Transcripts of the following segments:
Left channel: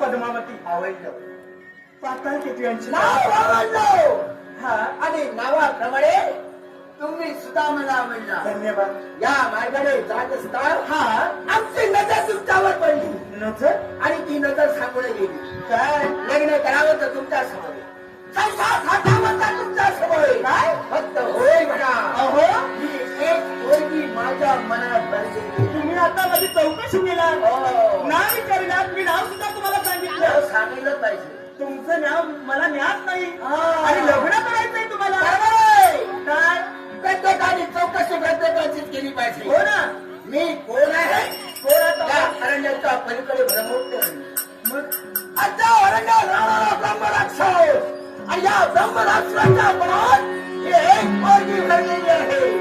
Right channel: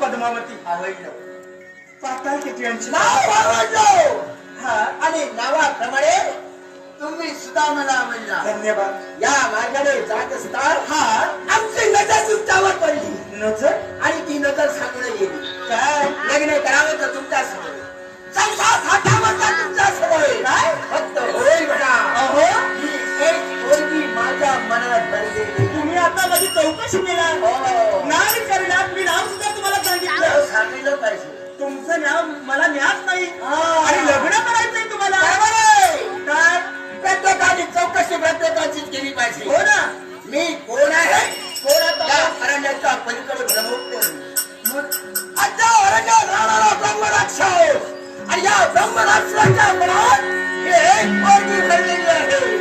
पद्मावती आवडलं. पाताळ किती यांची? नाव आवडलं. हा. आणि नावाप्रमाणे तुम्ही सुद्धा मला आवडला. धन्यवाद. या मार्गाने जात असता हा. आमची नजर तुमच्यावर पडली. नजर? आणि ती नजर सांगून गेली. काय? लग्न करावं तर तुमच्यासमोर संसार साठावं तर तुमच्यासमोर काय? फक्त होय म्हणा. तुमचं नाव मला ज्ञात नाही. आणि लग्न करायचंय तुम्हाला. बरोबर आहे. काय प्रत्येकाची चौकशी प्रत्येकाचीच केली पाहिजे. हो ना. मी कोण आहे? कोण आता? या अरण्याच्या पलीकडे भ्रमोत्तर मग? आता अरण्यात राहणारा ब्रह्मराक्षस. आणि या ब्रह्मराक्षसाच्या मनात ही एक पोरगी भरलेली आहे.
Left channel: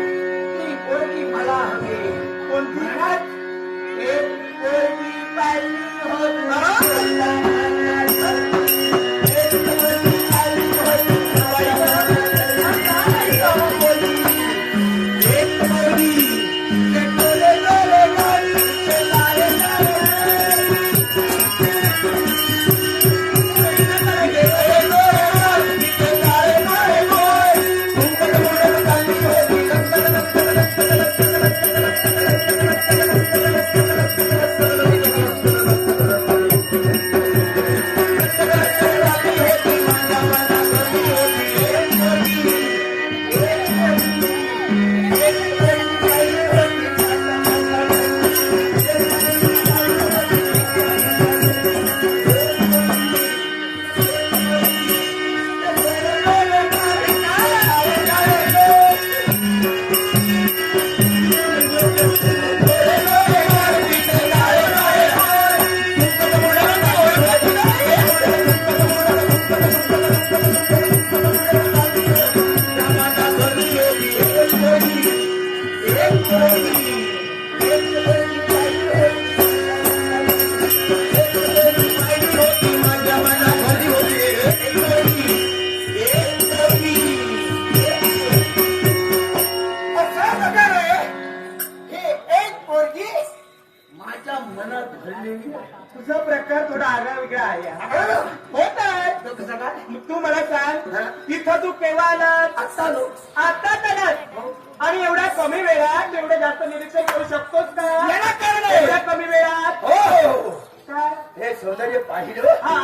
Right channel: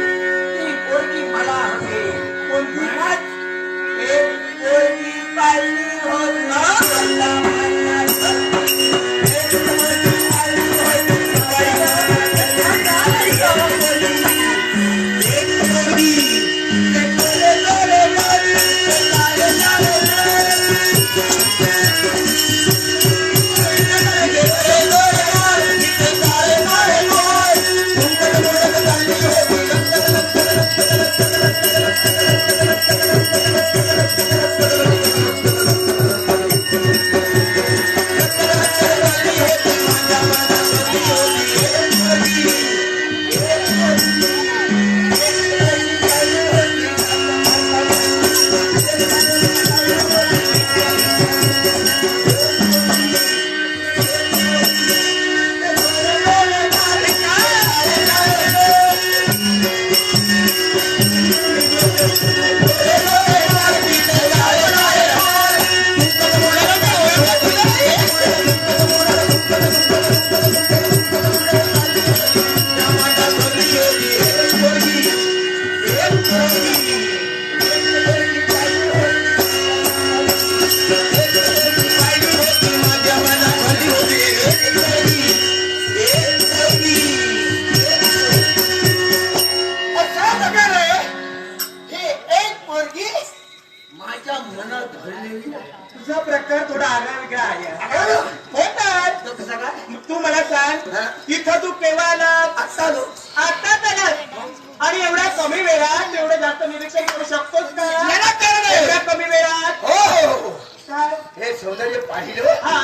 आणि एवढ्या कमी वेळात एवढं जास्त निरीक्षण करू शकतोच का? याला कारण आहे. एवढ्या कमी वेळात. हो हो, हो. काय? हे सौंदर्य पाहिलं? हा.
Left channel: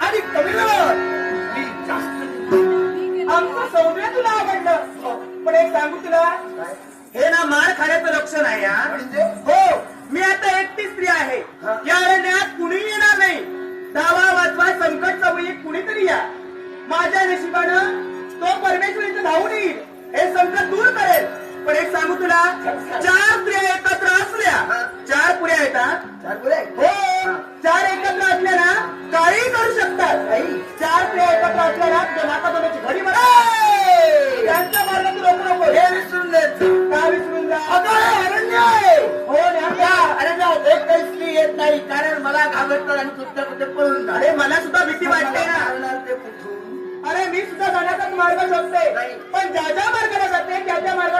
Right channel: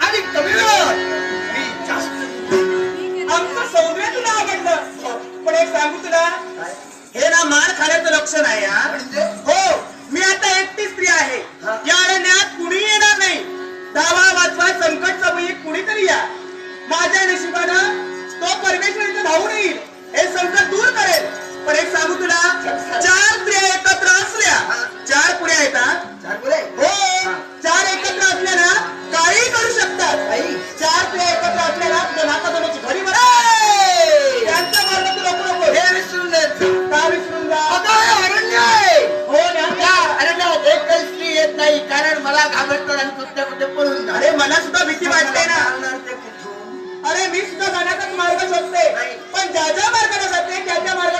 आणि कमी वेळात. मी जास्त आमचं सौंदर्य तुला आवडलं. पण एक सांगू तुला. काय? हे ना मार खाण्याचं लक्षण आहे हा म्हणजे? हो. मी आता एकटी स्त्री आहे. हा. या अरण्यात कुणी येणार नाही. धावा वाचवा संकट समयी कुणीतरी या. माझ्या नशिबानं तो परमेश्वर इथे धावून येईल हे संकट दूर करेल. पण एक सांगू तुला चार स्त्रिया एकत्र असल्या. चार पुऱ्या येतात हो चार एकत्र असल्या ना काही करू शकतात. चार स्त्रिया एकत्र असल्या ना तुझ्या नाका घडी म्हणा मार्ग तू नको नको हे विसरून. का विसरून जा अगं, हे अरण्य आहे हो ना या अरण्यात एक काही स्त्री येत नाही कारण मला घाबरतात आणि कुठल्या कुठे पळून. अरे मला सुद्धा भीती वाटते ना मारणार ते कुठून? अरे मी सुद्धा जाण्याचाच मार्ग शोधते. पण ज्या ज्या मार्गाने जाते त्या त्या याला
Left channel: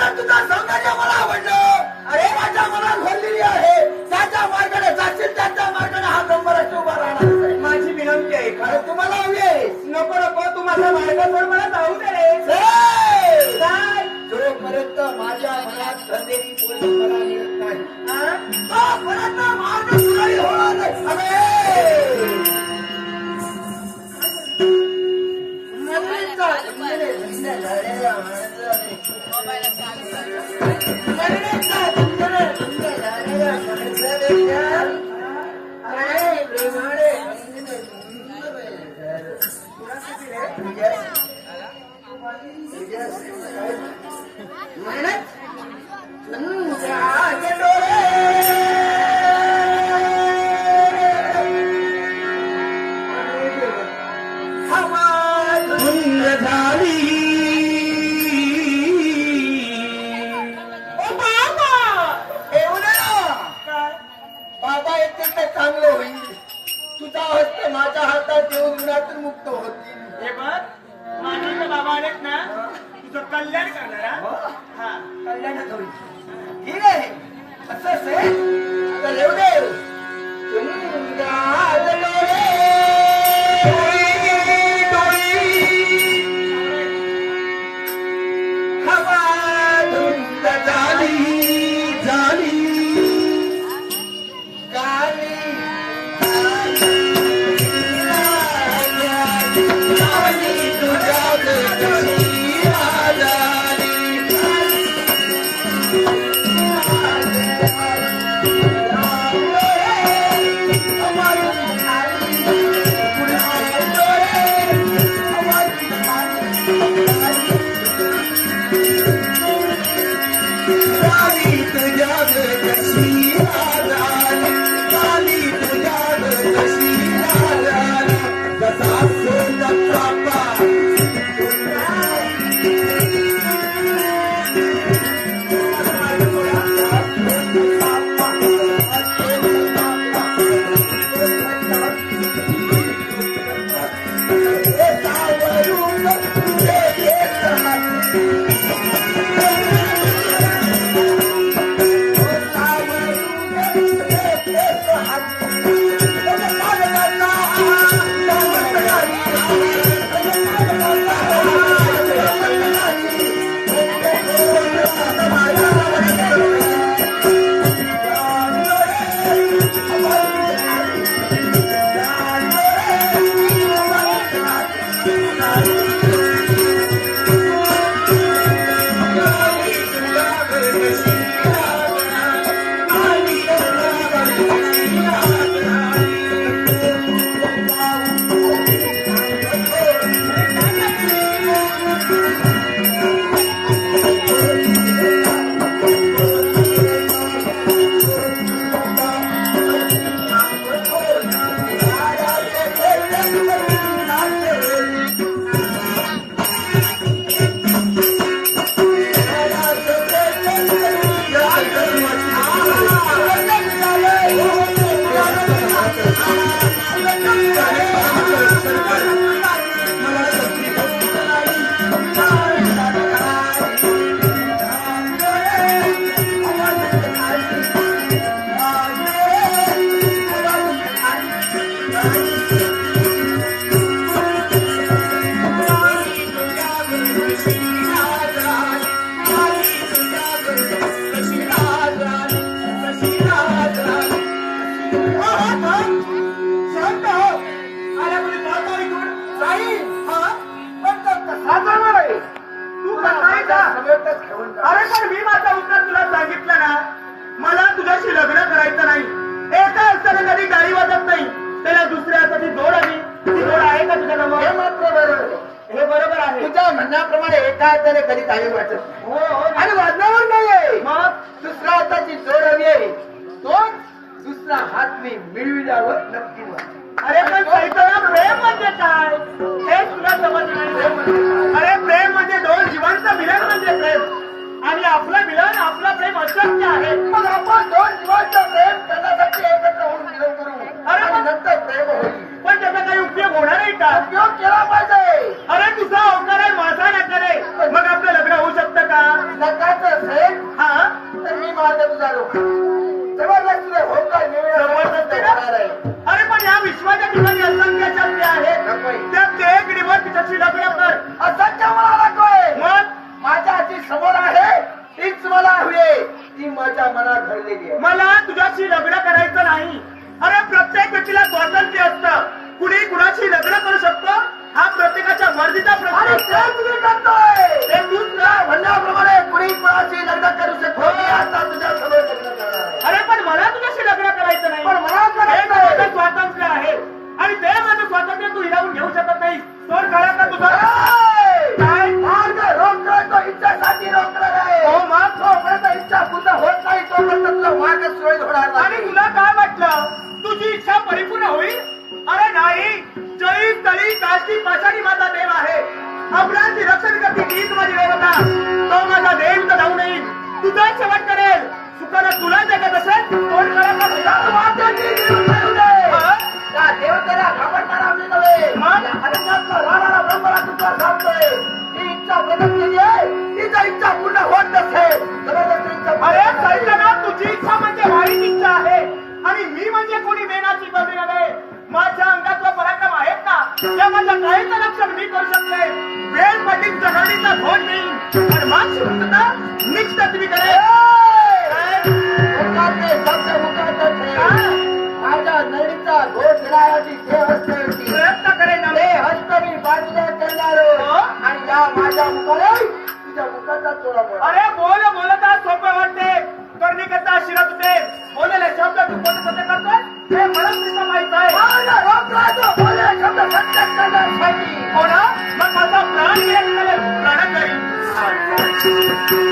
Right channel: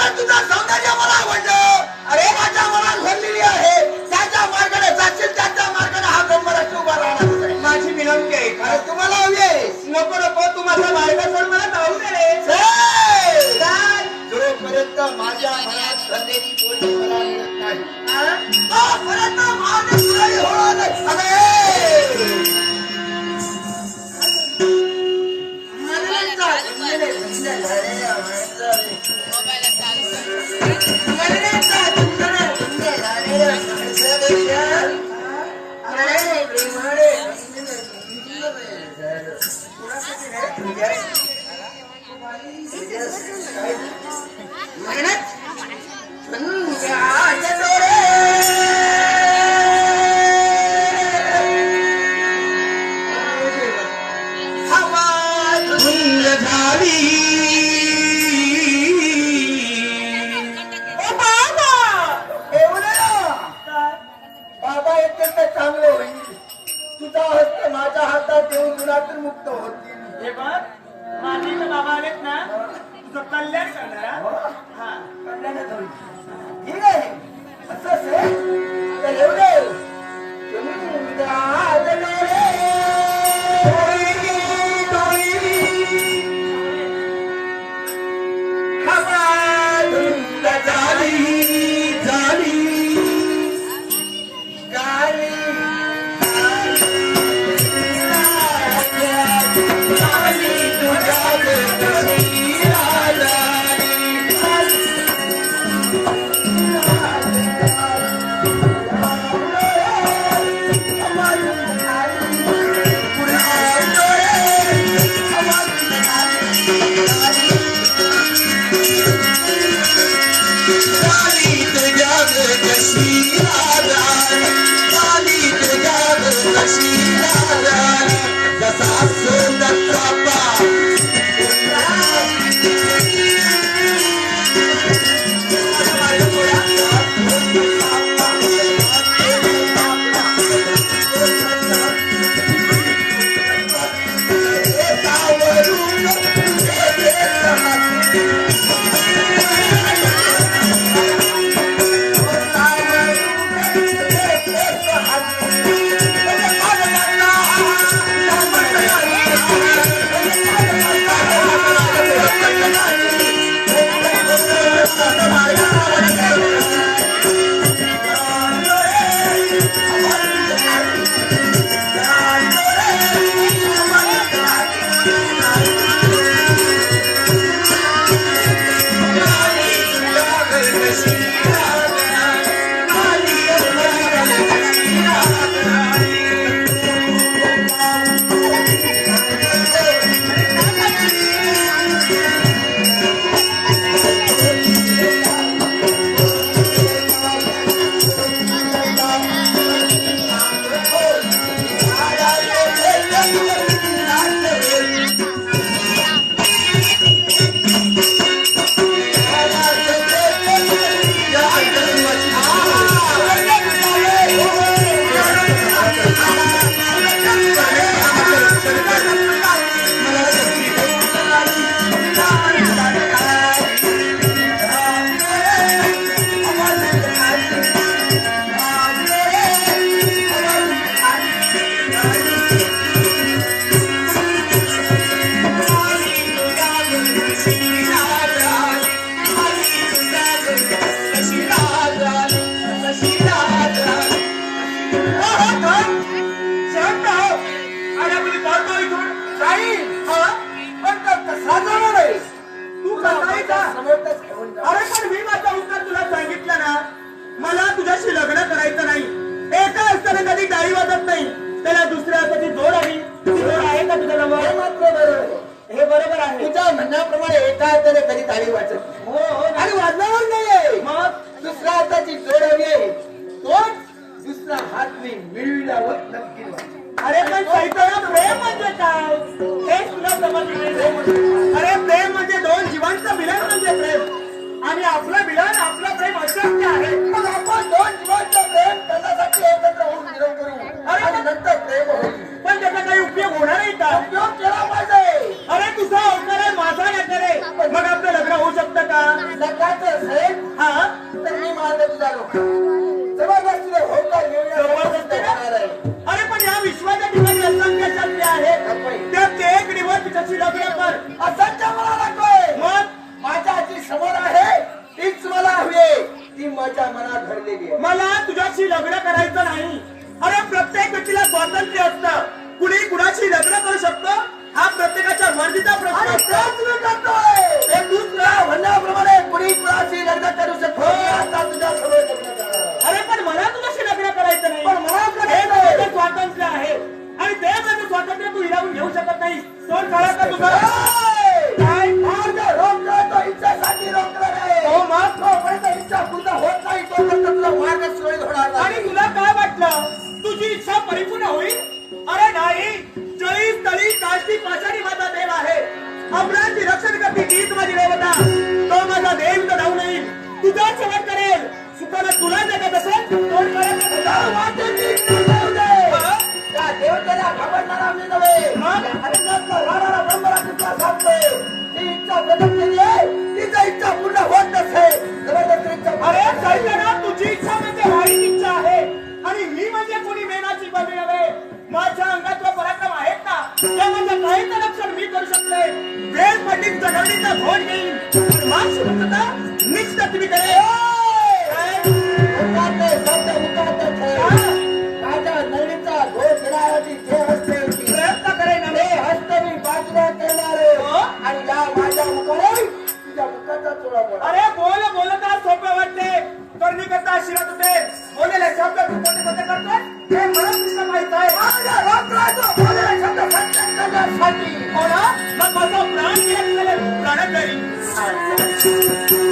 कारण तुझं सौंदर्य मला आवडलं अरे माझ्या मनात भरलेली आहे त्याच्या मार्गाने जाशील त्याच्या मार्गाने हा ब्रह्मराष्ट्र उभा राहणार आहे. माझी विनंती आहे तुम्हाला हवी आहे नको नको तू माझा मार्ग सोड मला जाऊ दे रे जय! काय? जोपर्यंत माझ्या मनात भरलेली बोली मला मिळत नाही माझं होणार नाही. Não vai levar असं असेल राणी तुझ्या कशी पण मी माझा उत्तर तुला सांगितलं ना मला तुझ्याशी लग्न करायचं नाही. एका असताना कधी गाडी वाजत नाही. त्याला दुसऱ्या हाताची जोड आली ती जोड आहे का तुझ्या हे नावावर मात्र बरोबर. हे बरोबर आहे. तुझ्या म्हणण्याप्रमाणे एका हाताने कधी गाडी नाही. हो हो आणि वाजण्यावर नाहीये. मग? दुसऱ्या हाताची जोड हवी आहे. तोच दुसरा हात मी मिळविल्यावर नक्की. अरे पण चैतन्य प्रेम म्हणजे काय? हे तुला समजलं नाही. अरे प्रेम म्हणजे दोन जीवांचं मिलन म्हणजे प्रेम. आपलं मिलन आपलं प्रेम अशक्य आहे. मग आपण दोन जीवांचं प्रेम करण्यासाठी एकत्र होऊन मिलन करू. अरे आणि नंतर प्रेम होईल. पण त्याचा काही उपयोग होणार आहे का? उपयोग केला पाहिजे. अरे तुझा होकार आहे माझा नकार आहे. मग आपलं लग्न होऊ शकतं का? असेल हा? तर मी मारतो तुझा रोख होकार जबरदस्ती? होणार आहे. अरे पण या विश्वाच्या ठिकाणी असंख्य शक्ती आहेत नकोय. त्यात एक दिवस तिच्याशी लग्न कर. असंख्य मला नकोय मग? माझ्या जी समोर आहे. तीच मला हवी आहे. ती माझ्या मनात घडलेली आहे. मला तुझ्याशी लग्न करायचं नाही. अरे प्रत्येक व्यक्तीला स्वातंत्र्य असतं. पाषाणी माझा देव आहे आपल्याची रक्षण करते हीच माझी देवता तो माझा देव तर धावून येईल तुझा शेवट करेल सुखानं तुला जगत असेल. हा? त्या देवतेला जगवणीचा भोज घेईन पण मानसी मुक्तता निश्चित मी करेन. मुखाने शब्द मुखात ठेव. माझ्या नळीचा घोष घेण्यासाठी जे हस्ते होती प्रयत्न करेन ते नव्हे हस्त मी बाजूला करणार हो? आणि या माझ्या मुखाने तुझ्या मुखाचा चोळा मोडा. अरे बोल बोलता सोपे वाटते. करणी करता शिरत होते बोलेले शब्द तू कोणते कोणते करतोय? हे मला सुद्धा माहीत आहे. करी